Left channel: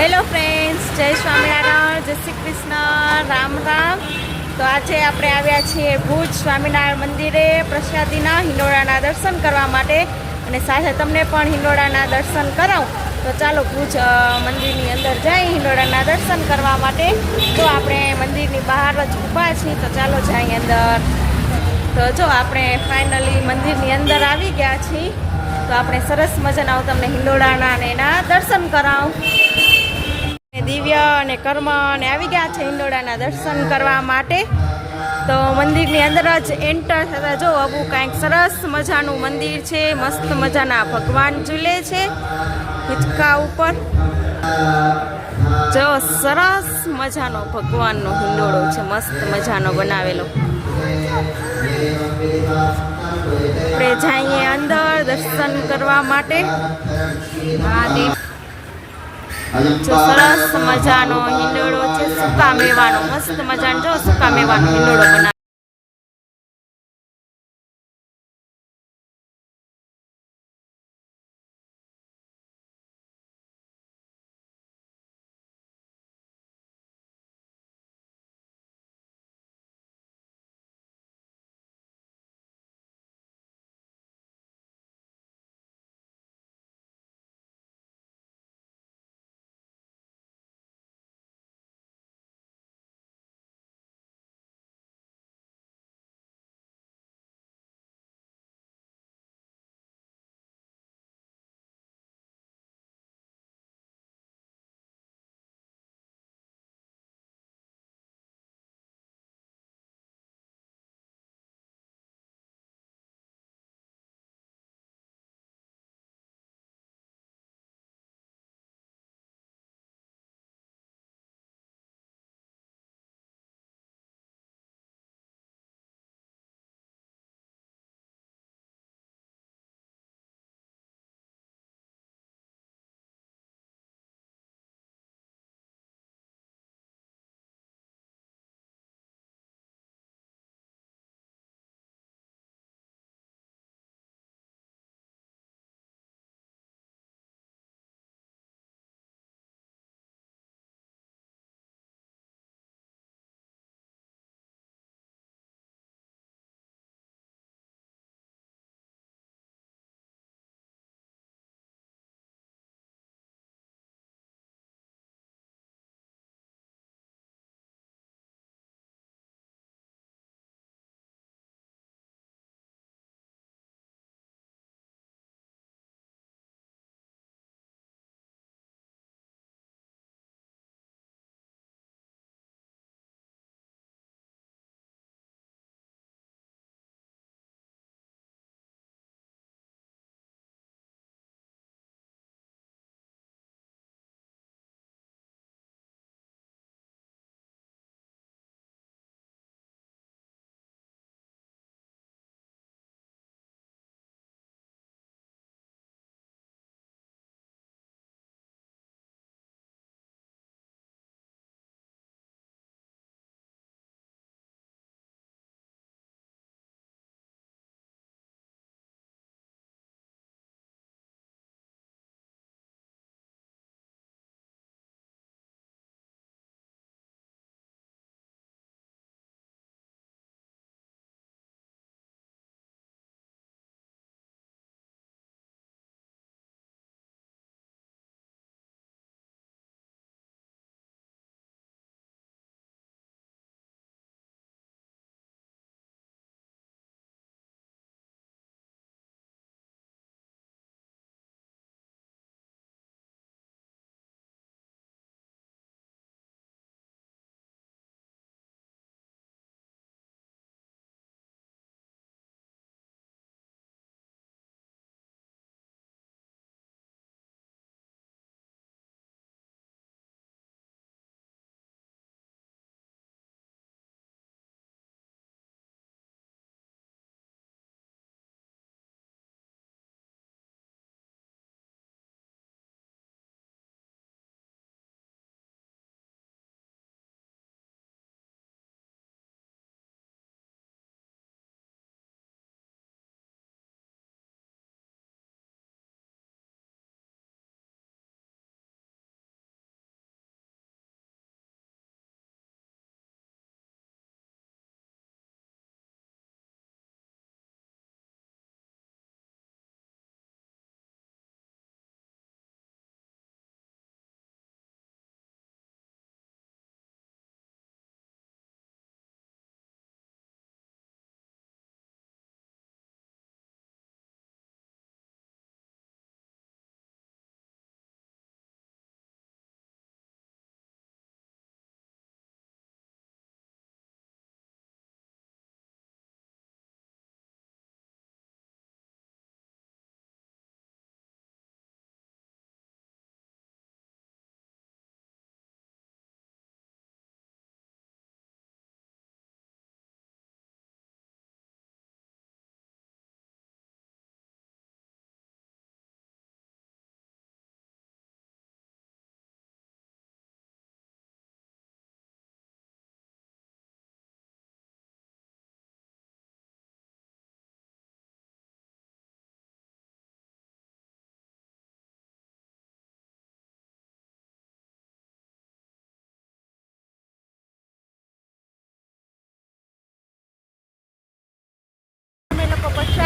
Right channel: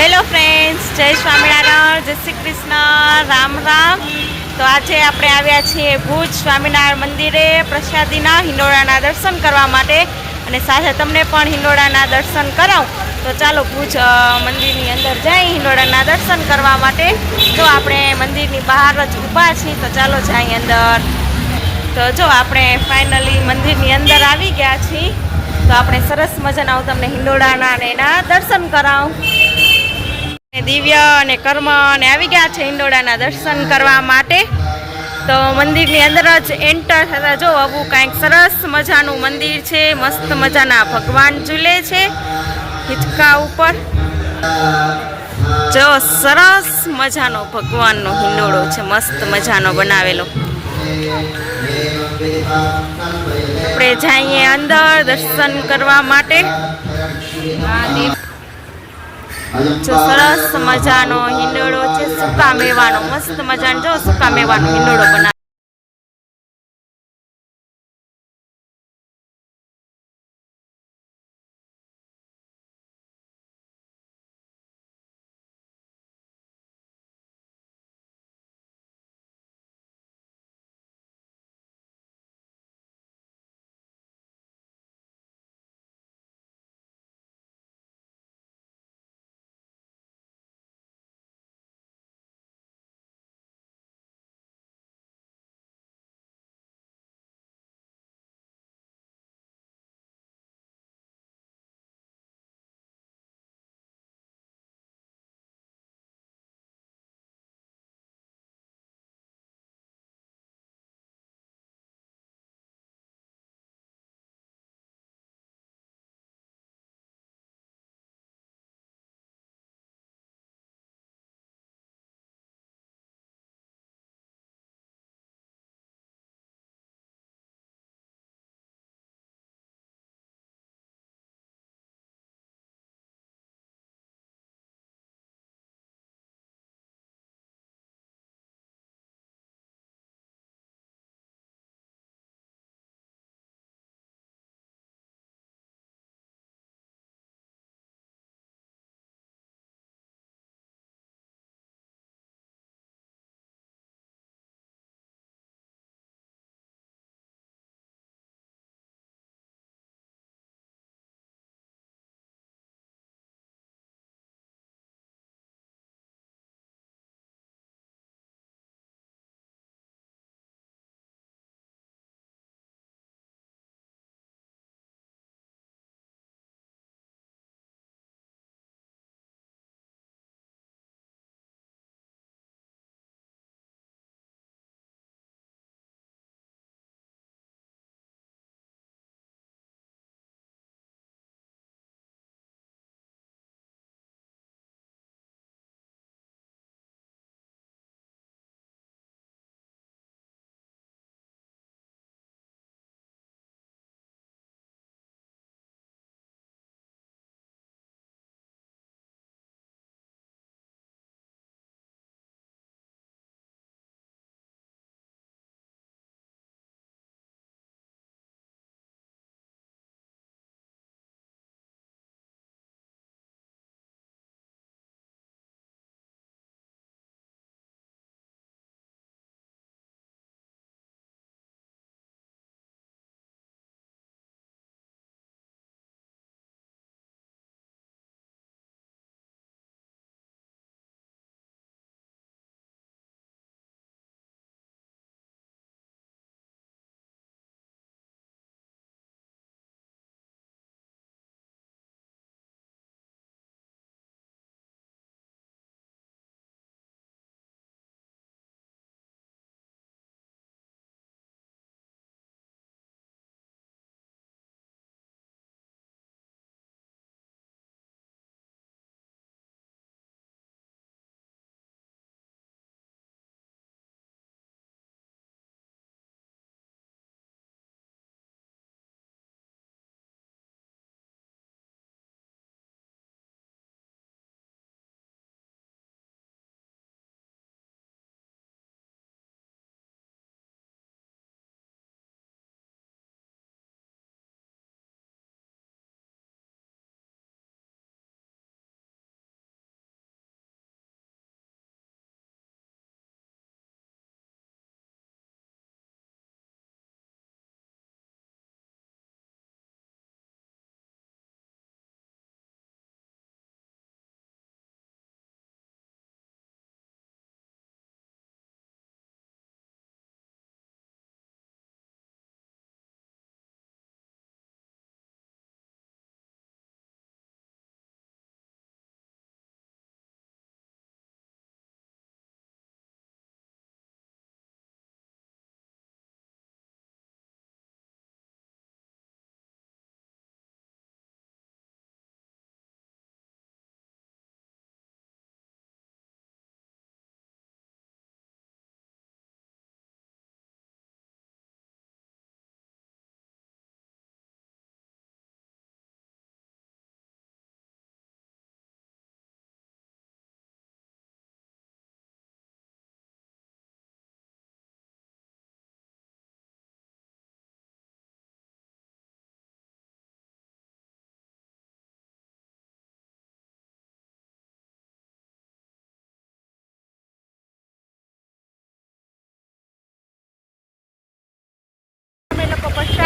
Hello friends, જય સ્વામિનારાયણ, જય શ્રી કૃષ્ણ, રામ રામ. તો આજે આપણે આવ્યા છીએ ભુજ સ્વામિનારાયણ મંદિરે પ્રસાદીના હિંડોળાના દર્શન કરવા માટે, અને સાથે તમને પણ હિંડોળાના દર્શન કરાવું. તો ચાલો ભુજ મંદિરની અંદર જઈ હિંડોળાના દર્શન કરવા માટે. તો આપણે મંદિરની બહાર જ ઊભા છીએ, તો ચાલો જઈએ અંદર. તો જો આપણે ફાઇનલી મંદિરની અંદર આવી ગયા છીએ. તો આપણે સરસ મજાના હું તમને હિંડોળાના અને એના દર્શન કરાવું. દિવ્ય અને કર્મ અને આવી ગયા છે હિંડોળાના દર્શન કરવા માટે. તો મંદિરની અંદર જ એન્ટર થતા જો આવું કાંઈક સરસ મજાનું મંદિર છે. મસ્ત મજાના ભગવાન ઝૂલે છે હિંચકા ઉપર. જો સરસ મજાનો ભગવાનનો હિંડોળો છે, મસ્ત મજાનો બનાવેલો. આપણે જઈએ અંદર દર્શન કરવા માટે. જો સરસ મજાનો હિંડોળો છે, સૂકા મેવાનો, મસ્ત મજાનો જો સૂકા મેવાનો હિંડોળો બનાવે.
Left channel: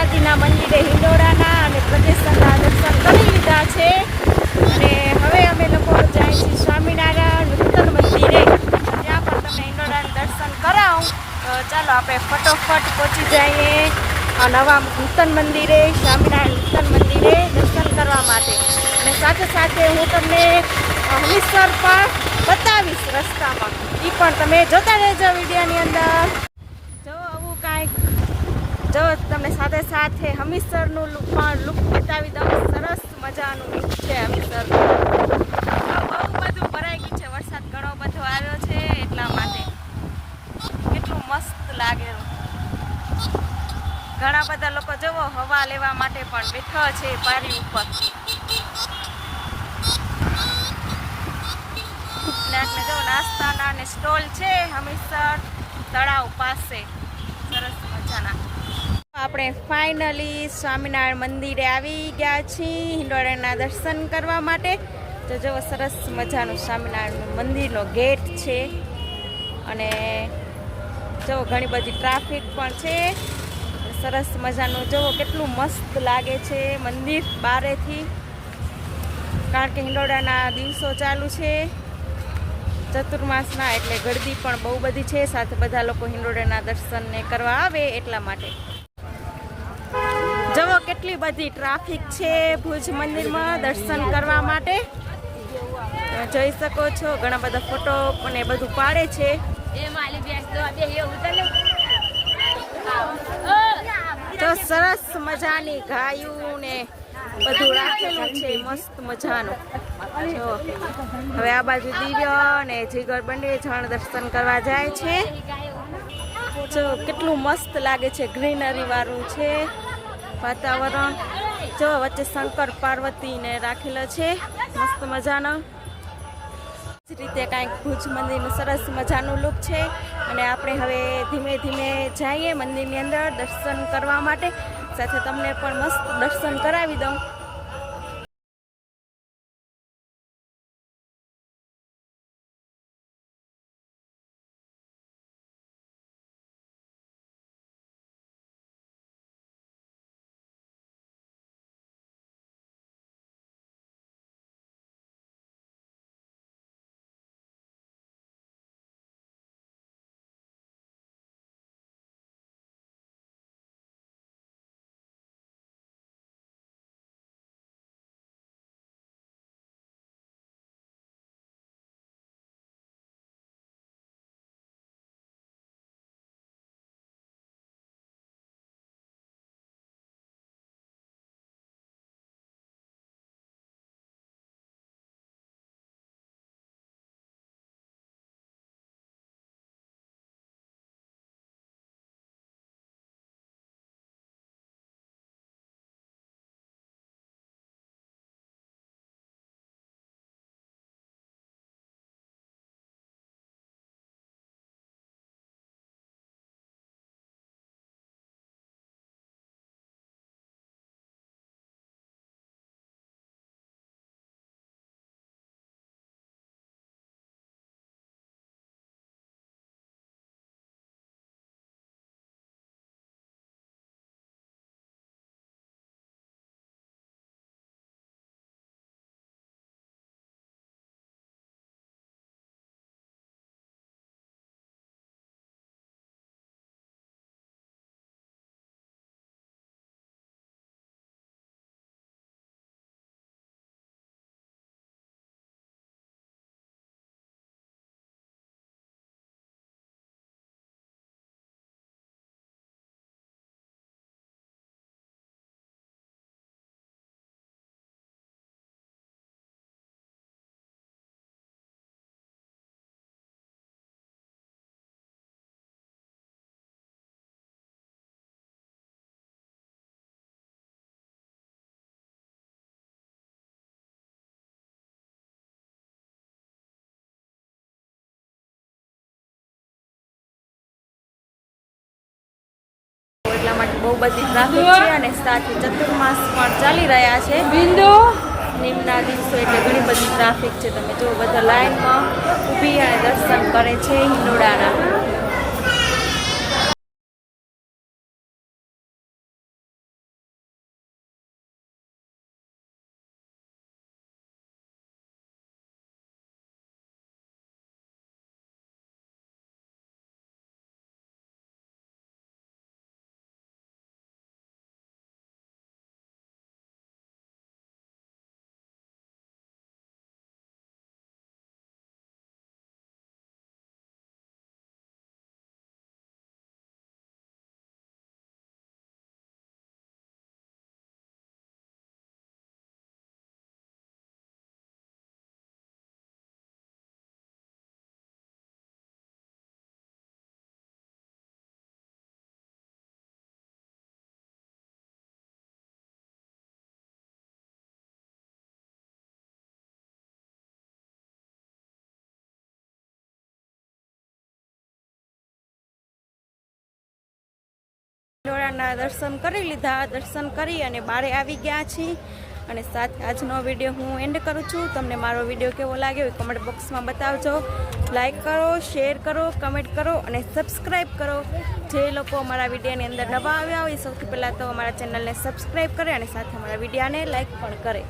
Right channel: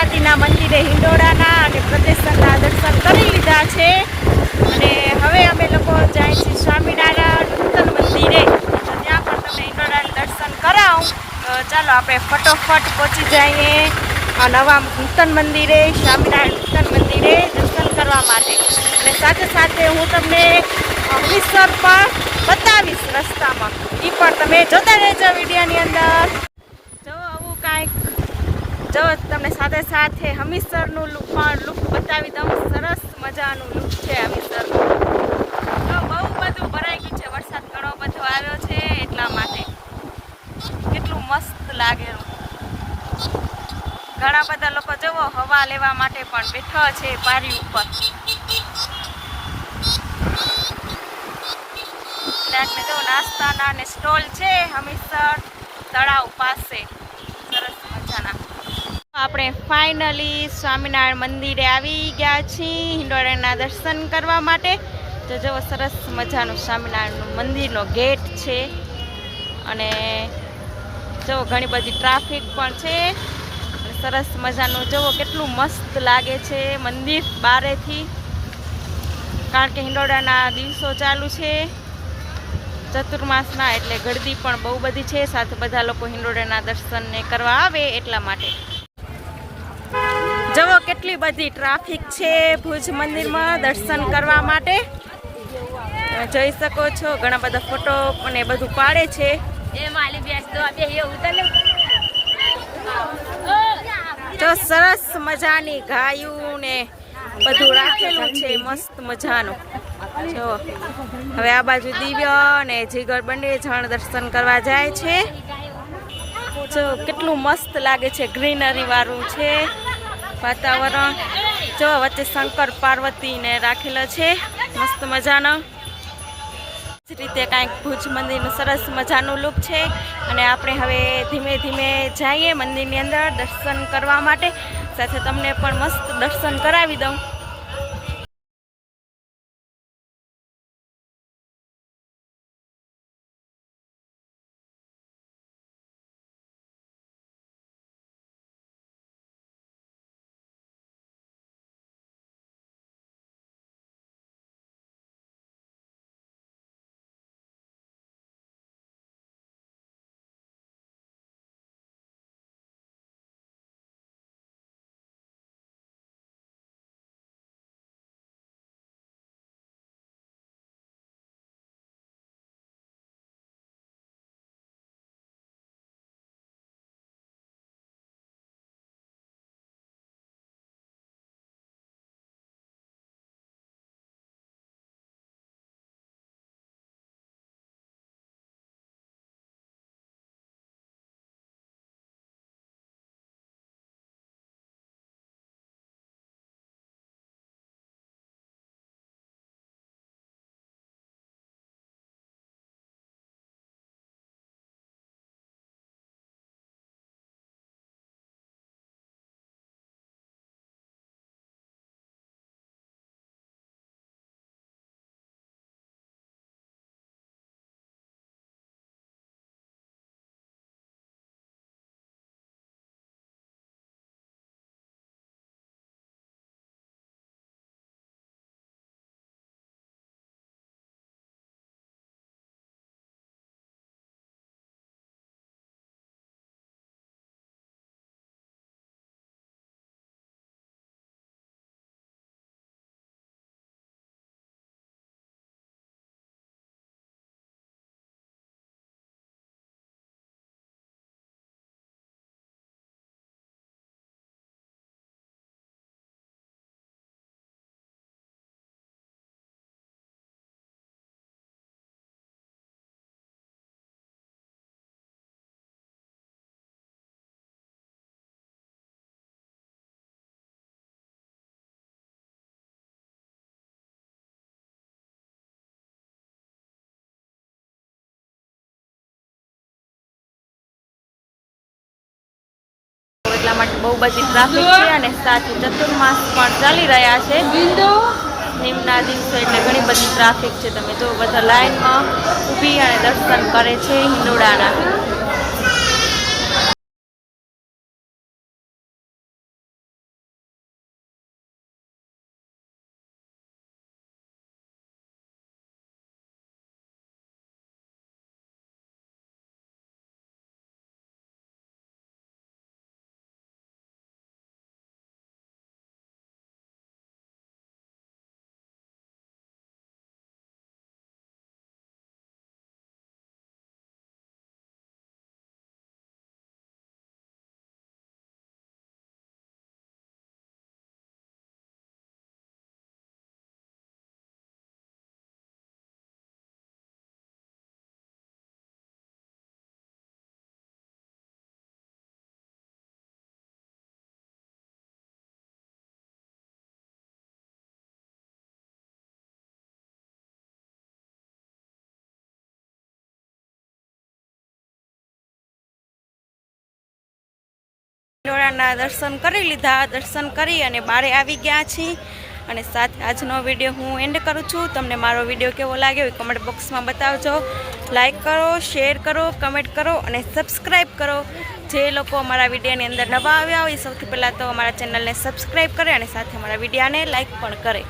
પ્રસાદીના મંદિરે હિંડોળાના અને પ્રદેશના દર્શન કરી લીધા છે અને હવે અમે લોકો જાય છીએ સ્વામિનારાયણ નૂતન મંદિરે. ત્યાં પણ તમને હિંડોળાના દર્શન કરાવું. તો ચાલો આપણે ફટોફટ પહોંચી જઈએ આ નવા નૂતન મંદિરે, સ્વામિનારાયણ નૂતન મંદિરે દર્શન કરવા માટે. અને સાથે સાથે હું તમને હમીરસર પણ બતાવીશ રસ્તામાં. એ પણ તમે જોતા રહેજો વિડીયોની અંદર. જો આવું કાંઈક જો તમને સાથે સાથે હમીરસરનું લુક બતાવી દઉં. સરસ મજાનું લુક છે હમીરસરનું. બહુ બધું ભરાઈ ગયું છે, વરસાદ ઘણો બધો આવ્યો છે એટલા માટે. કેટલું મસ્ત લાગેલું. ઘણા બધા લોકો જુઓ હવા લેવા માટે પણ બેઠા છે પારી ઉપર. ને જો નાસ્તાના ને સ્ટોલ છે હમીરસર તળાવ પાસે સરસ મજાના. આપણે ફાઇનલી સ્વામિનારાયણ મંદિરે આવી ગયા છીએ હિંડોળાના દર્શન કરવા માટે. તો જો સરસ મજાનું સ્વામિનારાયણનું મંદિરનો ગેટ છે અને જો ઘણી બધી ટ્રાફિક પણ છે. સરસ મજાનું જુઓ કેટલું મસ્ત લાગે છે મંદિર બારેથી, કારણ કે હિંડોળાના દિવસો ચાલુ છે ચતુર્માસના, એટલે ગળદી પણ બહુ બધી છે. સાથે બધા લોકો હિંડોળાના દર્શનને કરવા આવે એટલા માટે. જુઓ કેટલી બધી ટ્રાફિક છે ભુજ મંદિરમાં દર્શન કરવા માટે. તમે જોઈ શકો છો ઘણા બધા ફોટો અને બધું પાડે છે. જો સરસ મજાની ગાયું ને બધું રાખેલું છે મસ્ત મજાનું. જો હવે આ બાજુ દિવ્ય અને જીગર બંને જણ દર્શન કરવા જાય છે. જો કેટલું મસ્ત લાગે છે, ગ્રીનરી વાળું છે વાતાવરણ. જો વચ્ચે શંકર પાર્વતીને રાખેલો છે મસ્ત મજાનો. જ રીતે કાંઈક ભુજ મંદિરનું સરસ મજાનું લુક છે. અને આપણે હવે ધીમે ધીમે જઈએ મંદિરની અંદર દર્શન કરવા માટે. સાથે તમને પણ મસ્ત દર્શન કરાવી દઉં. એટલા માટે બહુ બધી ટ્રાફિક છે અને સાથે ચતુર્માસ પણ ચાલી રહ્યા છે. નિમના દિવસો એટલે ઘણી બધી ટ્રાફિક છે. તમે જો બધા લાઈનમાં ઊભી અને દર્શન કરે છે હિંડોળાના. હિંડોળાના દર્શન કરી લીધા. દર્શન કરી અને બારે આવી ગયા છીએ અને સાથે આજનો વિડીયો હું એન્ડ કરું છું. તમને મારો વિડીયો કેવો લાગ્યો એ કમેન્ટ બોક્સમાં બતાવજો. લાઈક કરો, શેર કરો, કમેન્ટ કરો અને સબસ્ક્રાઈબ કરો. જે લોકો અમારા વિડીયોની અંદર નવા આવ્યા હોય સૌથી પહેલાં તો અમારા ચેનલને સબસ્ક્રાઈબ કરે અને સાથે અમારા વિડીયોને લાઈક પણ કરે.